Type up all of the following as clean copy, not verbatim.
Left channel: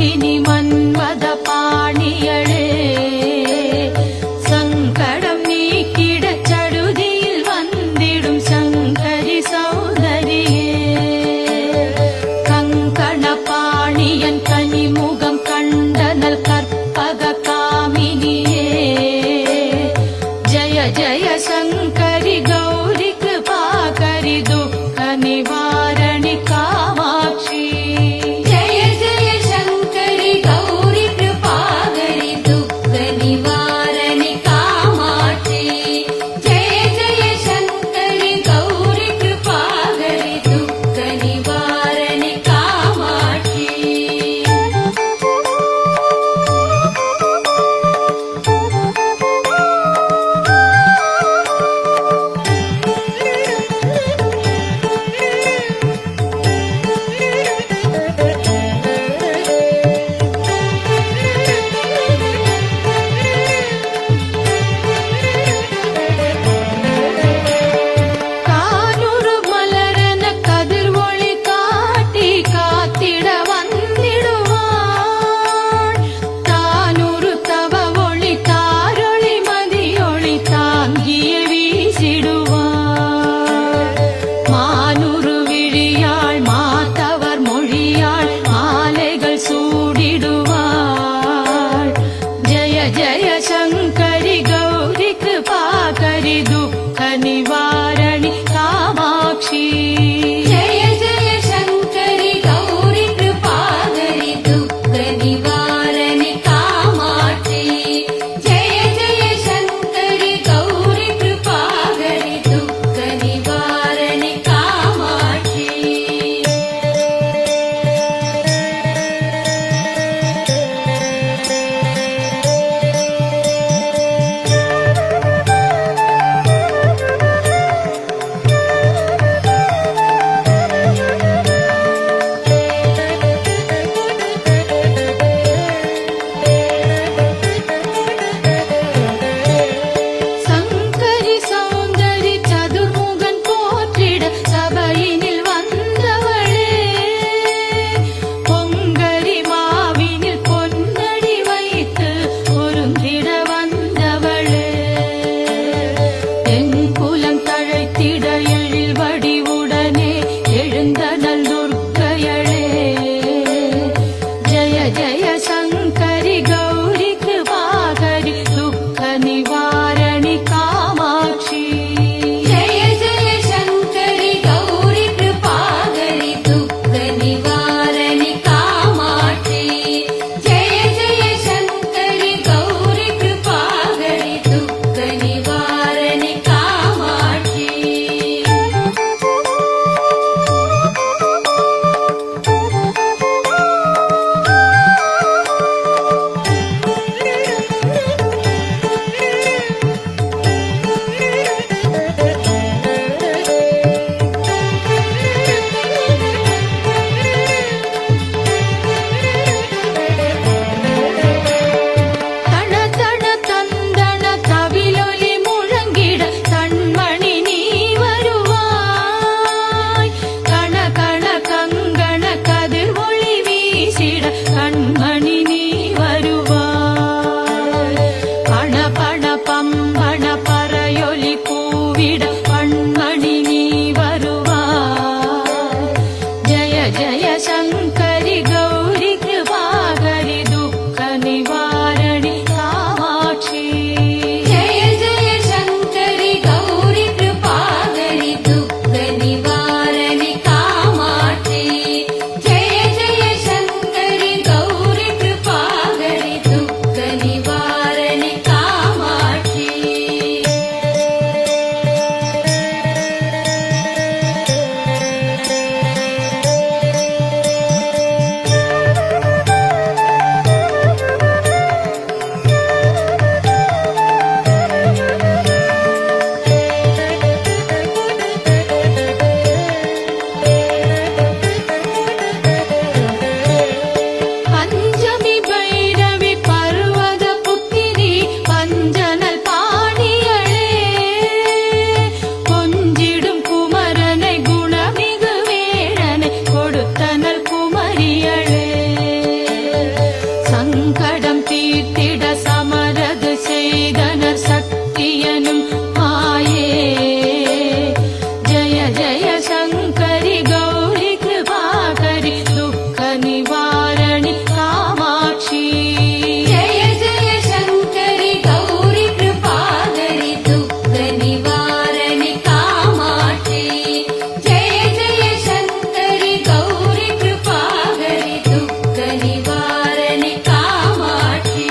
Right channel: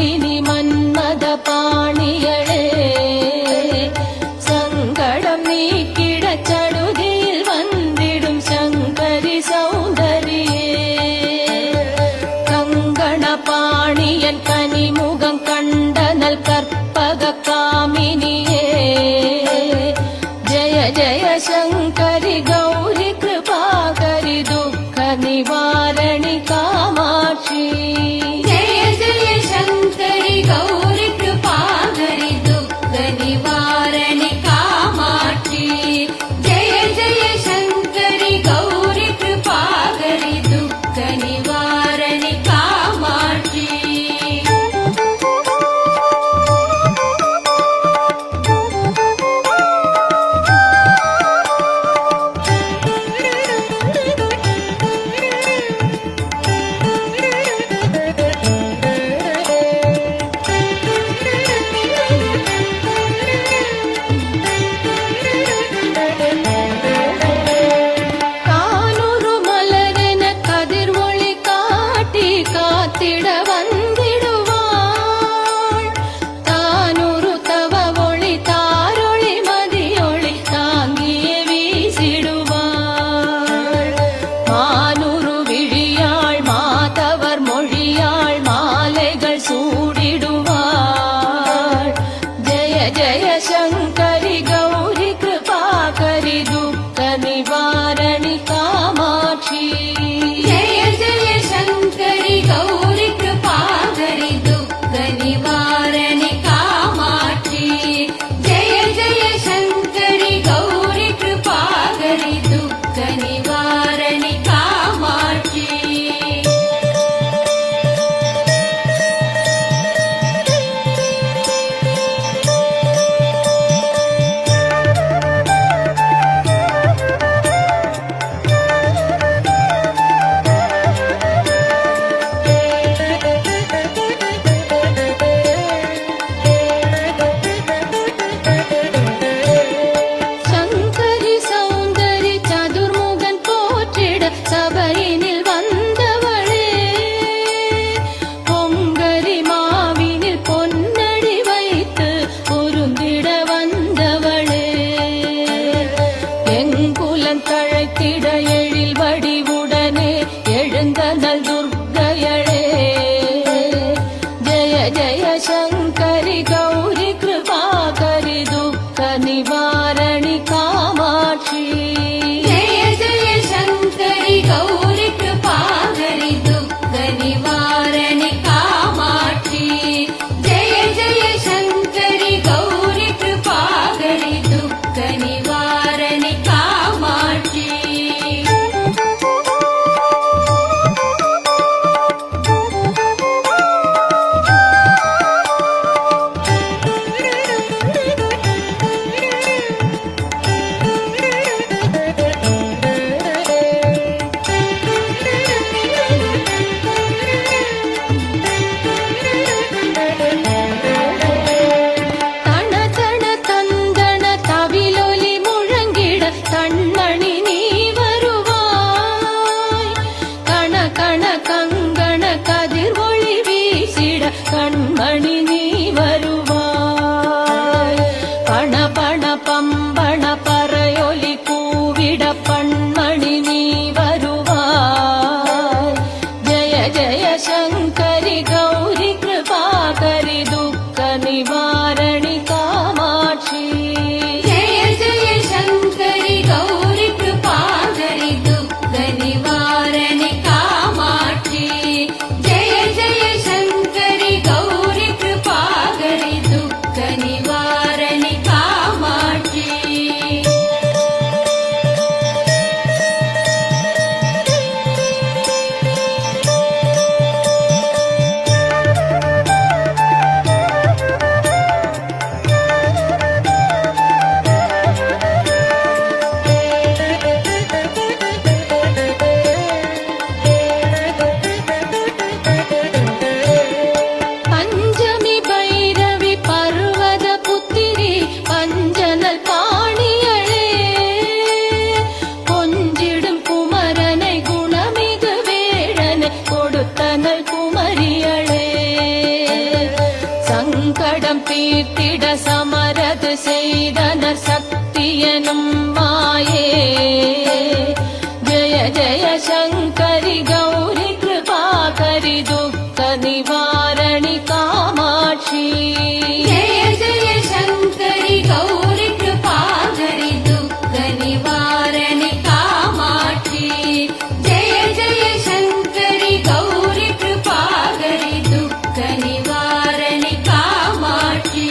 மாலினி மன்மத பாணியளே சங்கடம் நீக்கிட சடுதியில் வந்திடும் சங்கரி சௌதரியே கங்கண பாணியன் கனிமுகம் கண்டனல் கற்பக காமினியே ஜய ஜய சங்கரி கௌரி கிருபாகரி துக்க நிவாரணி காமாட்சி जय जय शंकरी गौरी कृपाकरी दुःख निवारणि कामाक्षी जय जय शंकरी गौरी कृपाकरी दुःख निवारणि कामाक्षी கானூறு மலரென கதிர் ஒளி காட்டி காத்திட வந்திடுவாள் தானூறு தவ ஒளி தாரொளி மதியொளி தாங்கிய வீசிடுவாள் மானூறு விழியாள் மாதவர் மொழியாள் மாலைகள் சூடிடுவாள் ஜய ஜய சங்கரி கௌரி கிருபாகரி துக்க நிவாரணி காமாட்சி जय जय शंकरी गौरी कृपाकरी दुःख निवारणि कामाक्षी जय जय शंकरी गौरी कृपाकरी दुःख निवारणि कामाक्षी சங்கரி சௌந்தரி சதுர்முகன் போற்றிட சபையினில் வந்தவளே பொங்கரி மாவினில் பொன்னடி வைத்து பொருந்திட வந்தவளே எங்குலம் தழைத்திட எழில் வடிவுடனே எழுந்தனல் துர்க்கையளே ஜய ஜய சங்கரி கௌரி கிருபாகரி துக்க நிவாரணி காமாட்சி जय जय शंकरी गौरी कृपाकरी दुःख निवारणि कामाक्षी जय जय शंकरी गौरी कृपाकरी दुःख निवारणि कामाक्षी தன தன தந்தன தவிலொலி முழங்கிட கண்மணி நீ வருவாய் கண கண கங்கண கதிர் ஒளி வீசிட கண்மணி நீ வருவாய் பண பண பம்பண பறையொலி கூவிட பண்மணி நீ வருவாய் ஜய ஜய சங்கரி கௌரி கிருபாகரி துக்க நிவாரணி காமாட்சி जय जय शंकरी गौरी कृपाकरी दुःख निवारणि कामाक्षी जय जय शंकरी गौरी कृपाकरी दुःख निवारणि कामाक्षी பஞ்சமி பைரவி பர்வத புத்திரி பஞ்சனல் பாணியளே கொஞ்சிடும் குமரனை குணமிகு வேடனை கொடுத்தனல் குமரியளே சங்கடம் தீர்த்திட சமரது செய்தனர் சக்தியனும் மாயே. ஜய ஜய சங்கரி கௌரி கிருபாகரி துக்க நிவாரணி காமாட்சி. जय जय शङ्करि गौरि कृपाकरि दुःख निवारणि कामाक्षि. जय जय शङ्करि गौरि कृपाकरि दुःख निवारणि कामाक्षि.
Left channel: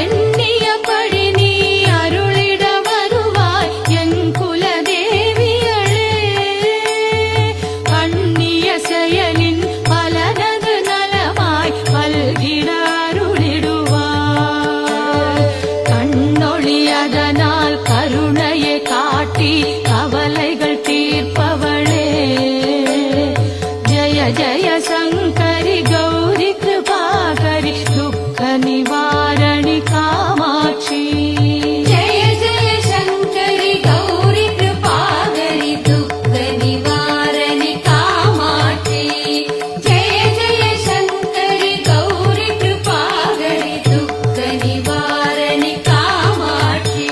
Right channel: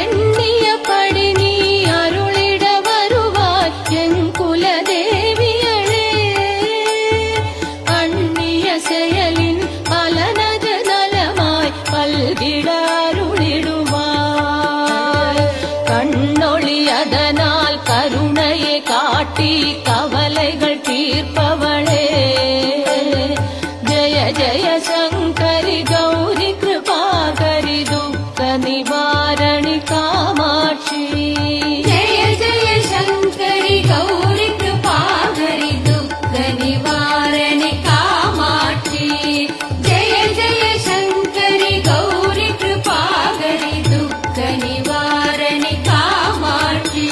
எண்ணிய பழி நீ அருளிட வருவாய் என் குலதேவியளே. அந்நிய செயலின் பலனது நலமாய் பல்கிட அருளிடுவாய். கண்ணொளி அதனால் கருணையை காட்டி கவலைகள் தீர்ப்பவளே. ஜய ஜய சங்கரி கௌரி கிருபாகரி துக்க நிவாரணி காமாட்சி. जय जय शङ्करि गौरि कृपाकरि दुःख निवारणि कामाक्षि. जय जय शङ्करि गौरि कृपाकरि दुःख निवारणि कामाक्षि.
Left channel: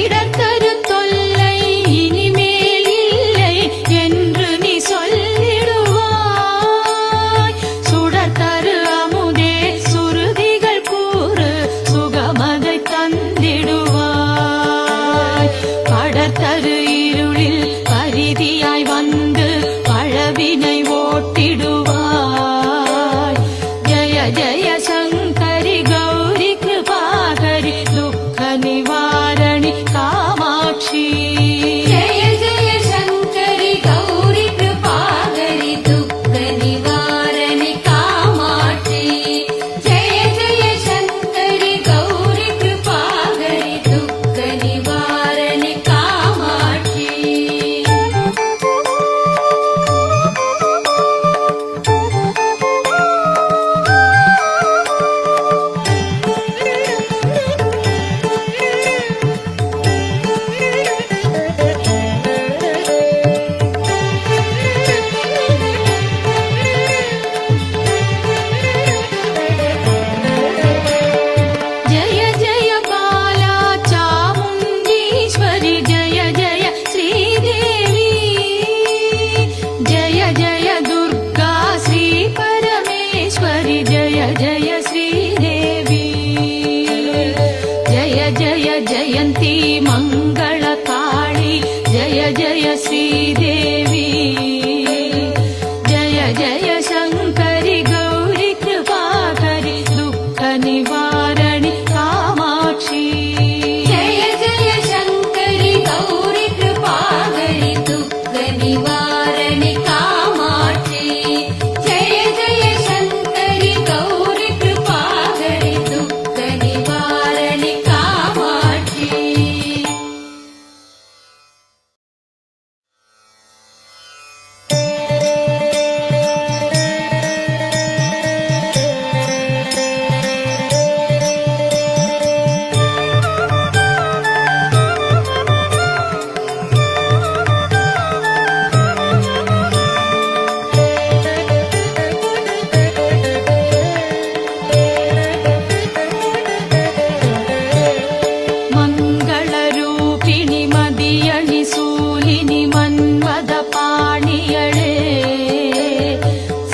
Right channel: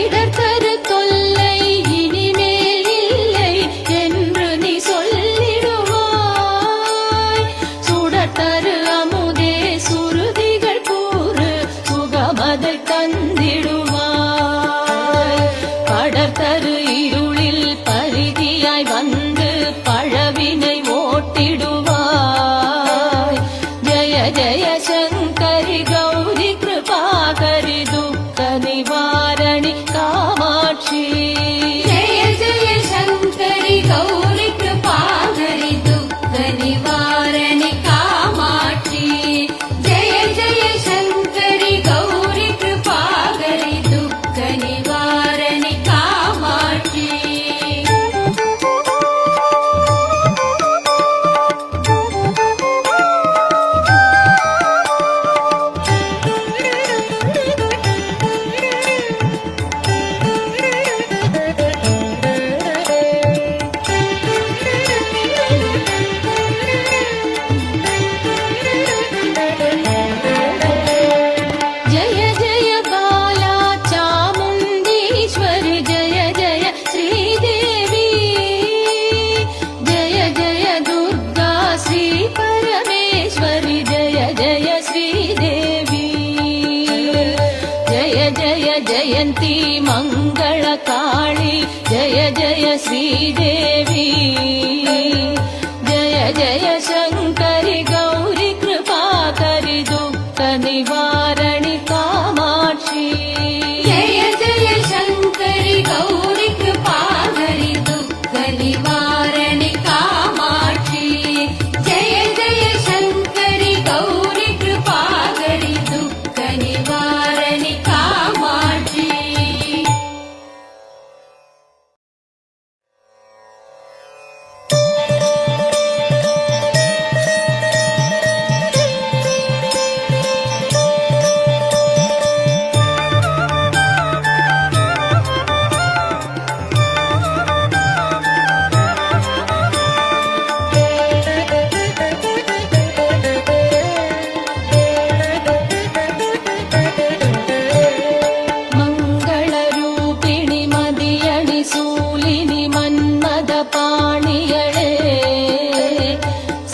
இடர்தரு தொல்லை இனிமேல் இல்லை என்று நீ சொல்லிடுவாய். சுடர்தரு அமுதே சுருதிகள் கூறு சுகமதை தந்திடுவாய். படர்தரு இருளில் பரிதியாய் வந்து பழவினை ஓட்டிடுவாய். ஜய ஜய சங்கரி கௌரி கிருபாகரி துக்க நிவாரணி காமாட்சி. जय जय शङ्करि गौरि कृपाकरि दुःख निवारणि कामाक्षि. जय जय शङ्करि गौरि कृपाकरि दुःख निवारणि कामाक्षि. जय जय बाला चामुण्डीश्वरि जय जय श्रीदेवी. जय जय दुर्गा श्री परमेश्वरि जय जय श्रीदेवी. जय जय जयन्ती मङ्गलकाळी जय जय श्रीदेवी. जय जय शङ्करि गौरि कृपाकरि दुःख निवारणि कामाक्षि. जय जय शङ्करि गौरि कृपाकरि दुःख निवारणि कामाक्षि. जय जय शङ्करि गौरि कृपाकरि दुःख निवारणि कामाक्षि. மங்களரூபிணி மதியணி சூலினி மன்மத பாணியளே.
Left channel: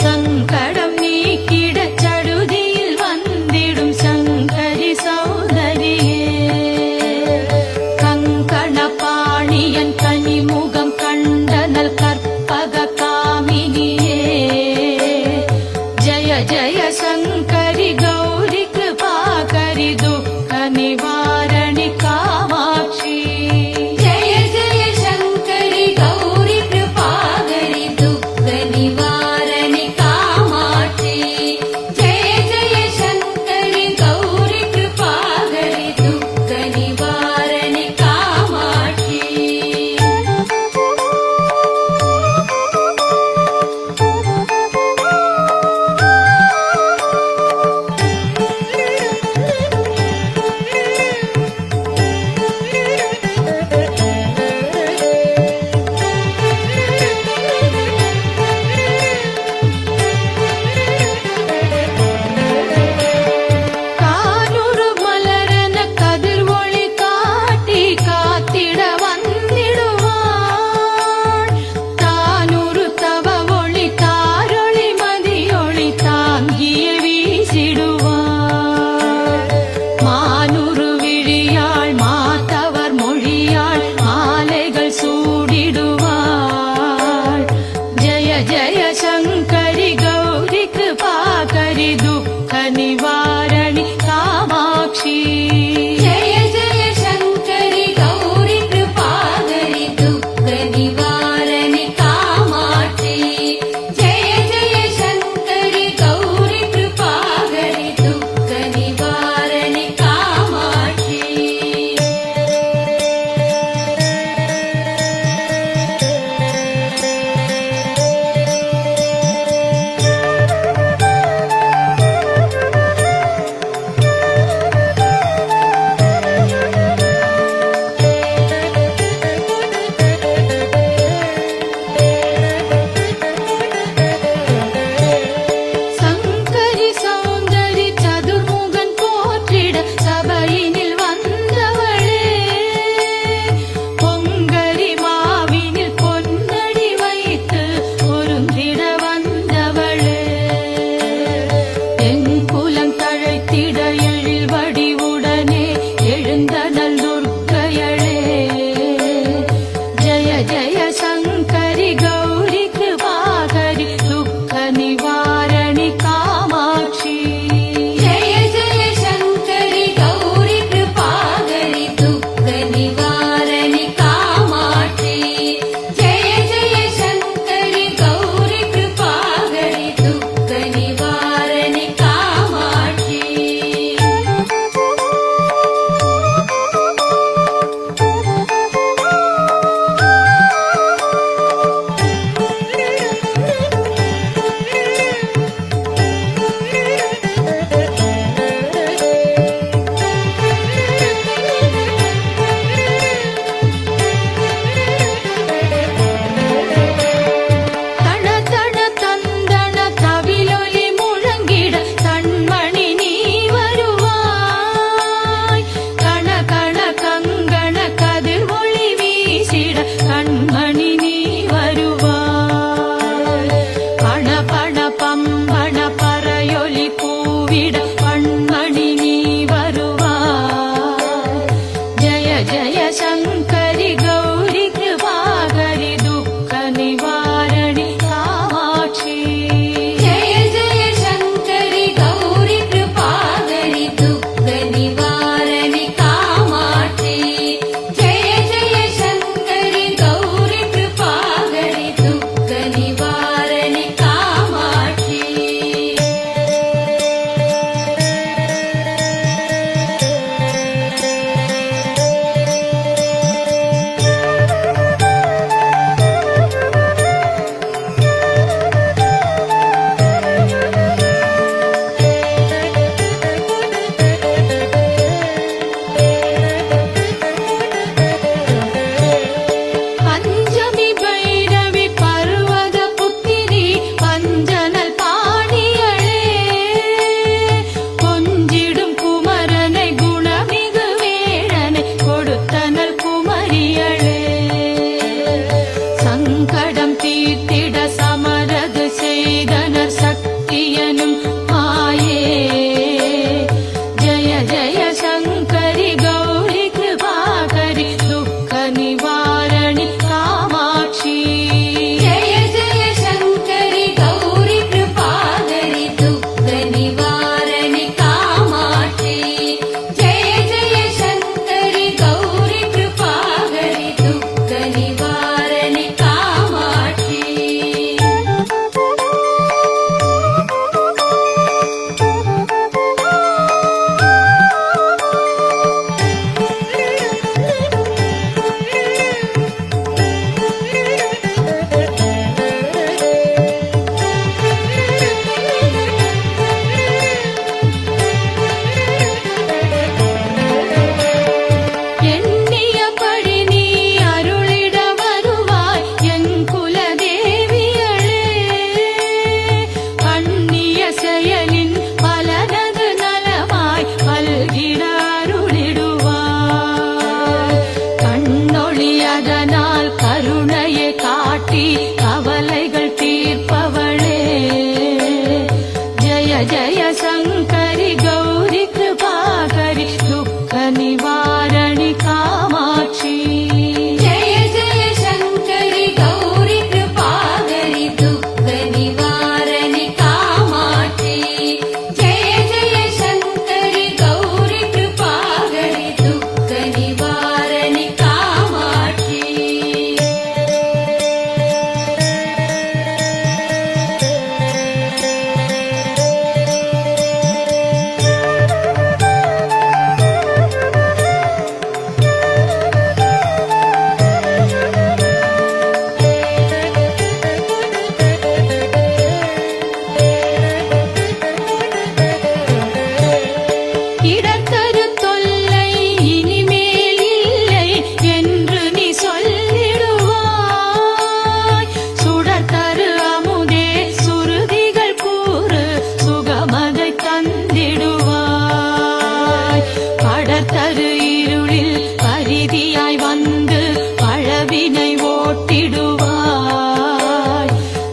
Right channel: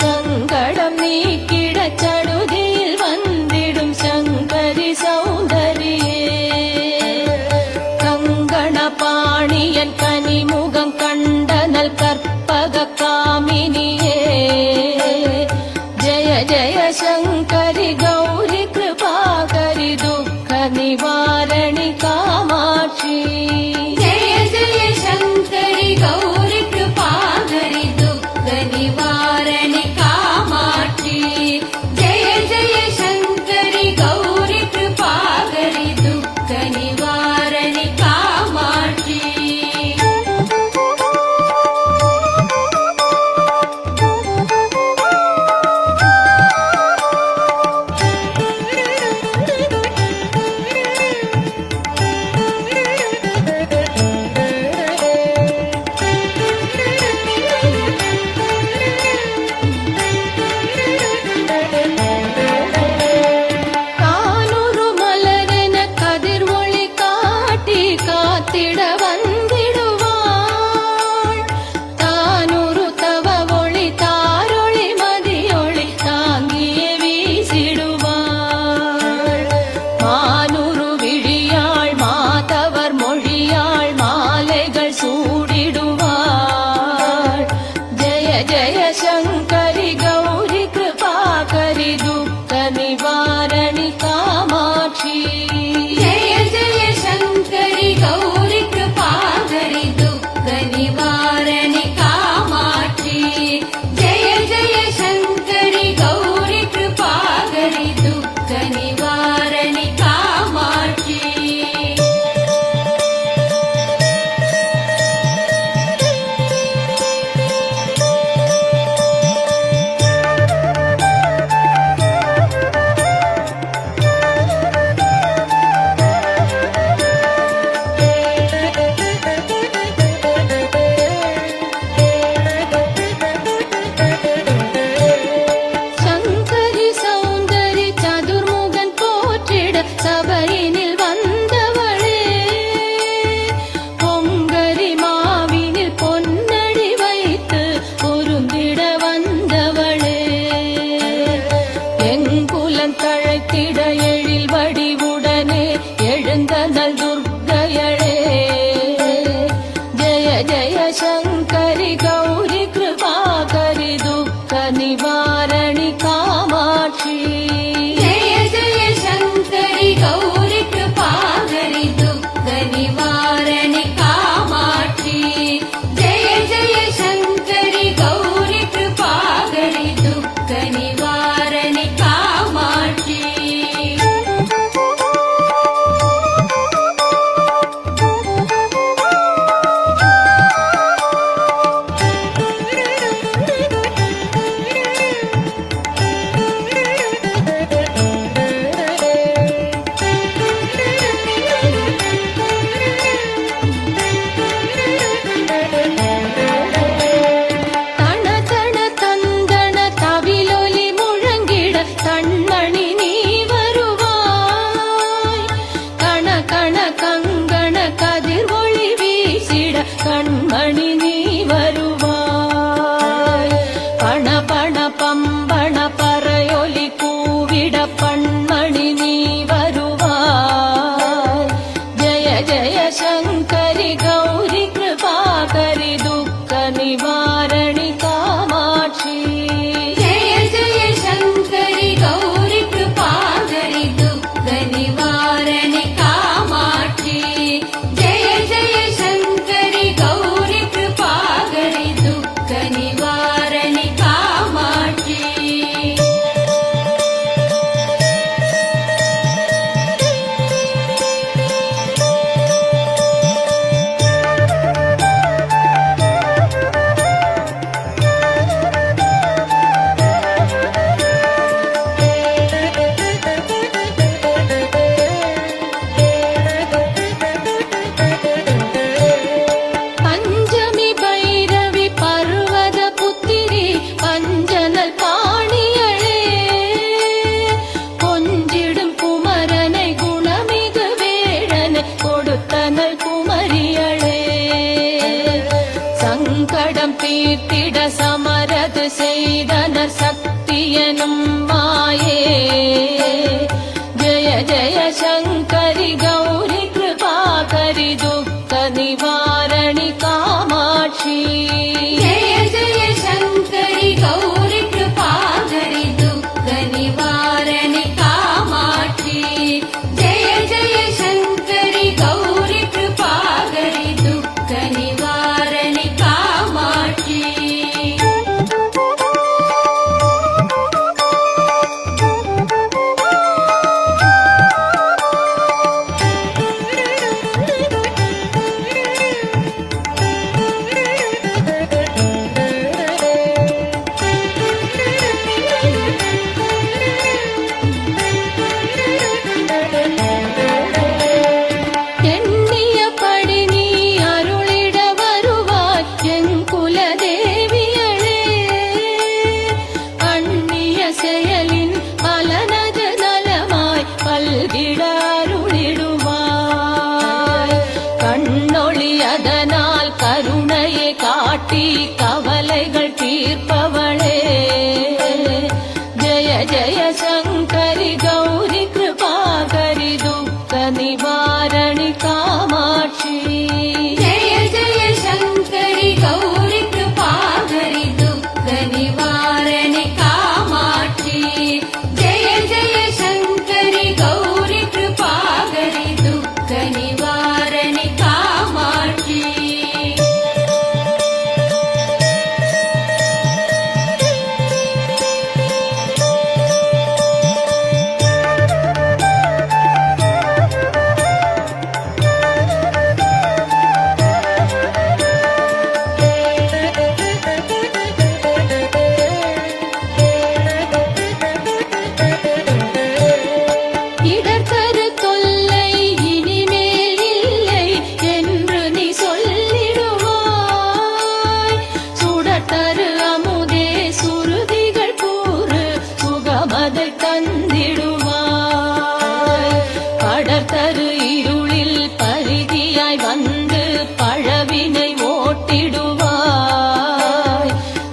சங்கடம் நீக்கிட சடுதியில் வந்திடும் சங்கரி சௌதரியே. கங்கண பாணியன் கனிமுகம் கண்டனல் கற்பக காமினியே. जय शङ्करि गौरि कृपाकरि दुःख निवारणि कामाक्षी जय जय शङ्करि गौरि कृपाकरि दुःख निवारणि कामाक्षी जय जय शङ्करि गौरि कृपाकरि दुःख निवारणि कामाक्षी கானூறு மலரென கதிர் ஒளி காட்டி காத்திட வந்திடுவாள் தானூறு தவ ஒளி தாரொளி மதியொளி தாங்கிய வீசிடுவாள் மானூறு விழியாள் மாதவர் மொழியாள் மாலைகள் சூடிடுவாள் ஜய ஜய சங்கரி கௌரி கிருபாகரி துக்க நிவாரணி காமாட்சி जय जय शङ्करि गौरि कृपाकरि दुःख निवारणि कामाक्षी जय जय शङ्करि गौरि कृपाकरि दुःख निवारणि कामाक्षी சங்கரி சௌந்தரி சதுர்முகன் போற்றிட சபையினில் வந்தவளே பொங்கரி மாவினில் பொன்னடி வைத்து பொருந்திட வந்தவளே எங்குலம் தழைத்திட எழில் வடிவுடனே எழுந்தனல் துர்க்கையளே ஜய ஜய சங்கரி கௌரி கிருபாகரி துக்க நிவாரணி காமாட்சி जय जय शङ्करि गौरि कृपाकरि दुःख निवारणि कामाक्षी जय जय शङ्करि गौरि कृपाकरि दुःख निवारणि कामाक्षी தன தன தந்தன தவிலொலி முழங்கிட கண்மணி நீ வருவாய் கண கண கங்கண கதிர் ஒளி வீசிட கண்மணி நீ வருவாய் பண பண பம்பண பறையொலி கூவிட பண்மணி நீ வருவாய் ஜய ஜய சங்கரி கௌரி கிருபாகரி துக்க நிவாரணி காமாட்சி जय जय शङ्करि गौरि कृपाकरि दुःख निवारणि कामाक्षी जय जय शङ्करि गौरि कृपाकरि दुःख निवारणि कामाक्षी பஞ்சமி பைரவி பர்வத புத்திரி பஞ்சனல் பாணியளே கொஞ்சிடும் குமரனை குணமிகு வேடனை கொடுத்தனல் குமரியளே சங்கடம் தீர்த்திட சமரது செய்தனர் சக்தியனும் மாயே ஜய ஜய சங்கரி கௌரி கிருபாகரி துக்க நிவாரணி காமாட்சி जय जय शङ्करि गौरि कृपाकरि दुःख கவலைகள் தீர்ப்பவளே ஜய ஜய சங்கரி கௌரி கிருபாகரி துக்க நிவாரணி காமாட்சி जय जय शङ्करि गौरि कृपाकरि दुःख निवारणि कामाक्षि जय जय शङ्करि गौरि कृपाकरि दुःख निवारणि कामाक्षि இடர்தரு தொல்லை இனிமேல் இல்லை என்று நீ சொல்லிடுவாய் சுடர்தரு அமுதே சுருதிகள் கூறு சுகமதை தந்திடுவாய் படர்தரு இருளில் பரிதியாய் வந்து பழவினை ஓட்டிடுவாய்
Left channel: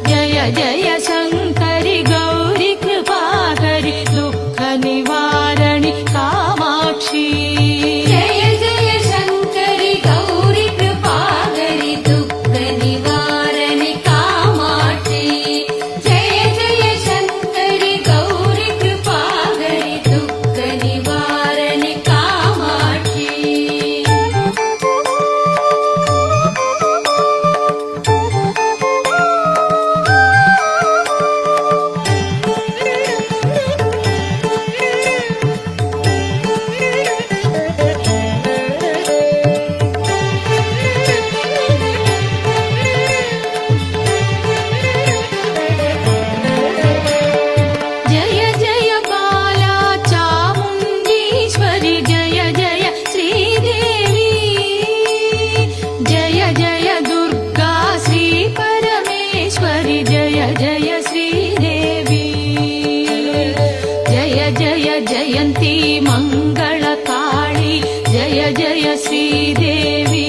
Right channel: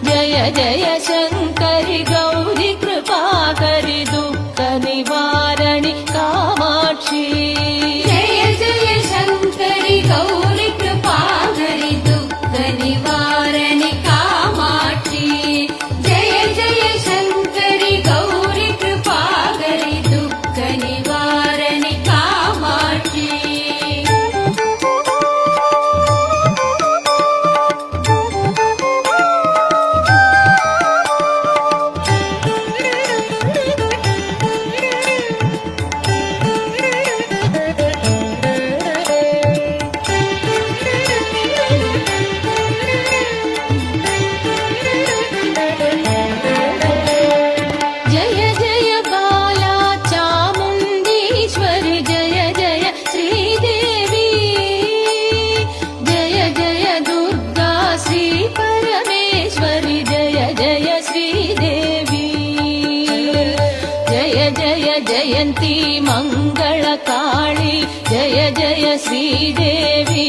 ஜய ஜய சங்கரி கௌரி கிருபாகரி துக்க நிவாரணி காமாட்சி जय जय शङ्करि गौरि कृपाकरि दुःख निवारणि कामाक्षि जय जय शङ्करि गौरि कृपाकरि दुःख निवारणि कामाक्षि जय जय बाला चामुण्डीश्वरि जय जय श्रीदेवी जय जय दुर्गा श्री परमेश्वरि जय जय श्रीदेवी जय जय जयन्ती मङ्गलकाळी जय जय श्रीदेवी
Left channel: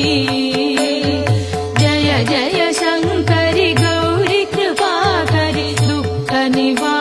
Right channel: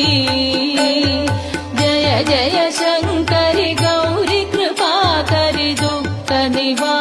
जय जय शङ्करि गौरि कृपाकरि दुःख निवारणि